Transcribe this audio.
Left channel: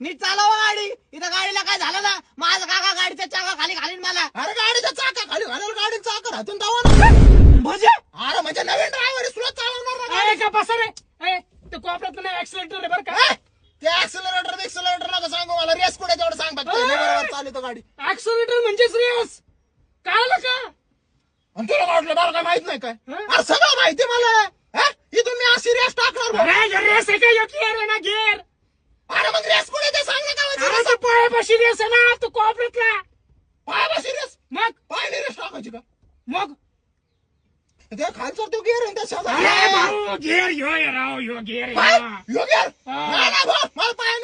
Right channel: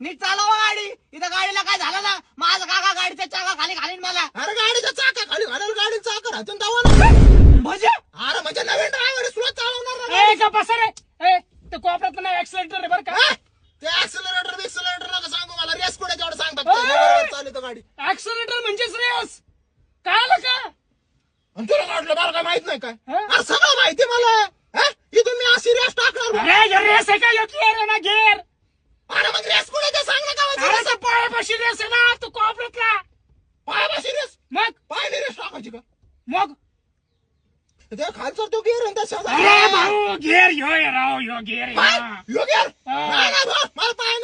नीट चालवा गाडी. इथं गाडीला काय झालं ना, माझा काका गाडीच्या चाका खाली घालीन मला. अरे गाडीच्या चाका खाली घालायला गाडीचा चाका राहतून दावा म्हणजे अरे म्हणजे नवीन ड्रायव्हर सुरत चालवणार ना का बसा रे. ते कोपऱ्यात नाही ऍक्सिलेटर बरं का. हा? ते ऍक्सिलरेटर नका सांगू मला. रेस कुठे तेवढं सांग फक्त. बरोबर चालू गाडी. ऍक्सिलेटर म्हणजेच रेस. कळलं का. आणि तुला वाटलं मला काय माहित नाही काय. हा? अरे सगळं माहिती मला. हा? इथून मी अशी रेस टाकणार बा. अरे रेस आहे का घेर आहे ना घेर. अरे मग रेस कुठे ते सांग ना अरे काय तो पायापाशी रेस आहे ना तो कोपऱ्यातला. पायापाशी रेस. मग पायने रेस टाकायची का. मग त्या खालचा तो गेअर आहे त्या अरे भाऊ घेर ह्यो आहे राव ह्यो घेर आहे. काय हा. यो गेअर हा. नाही ना भाऊ मला पाय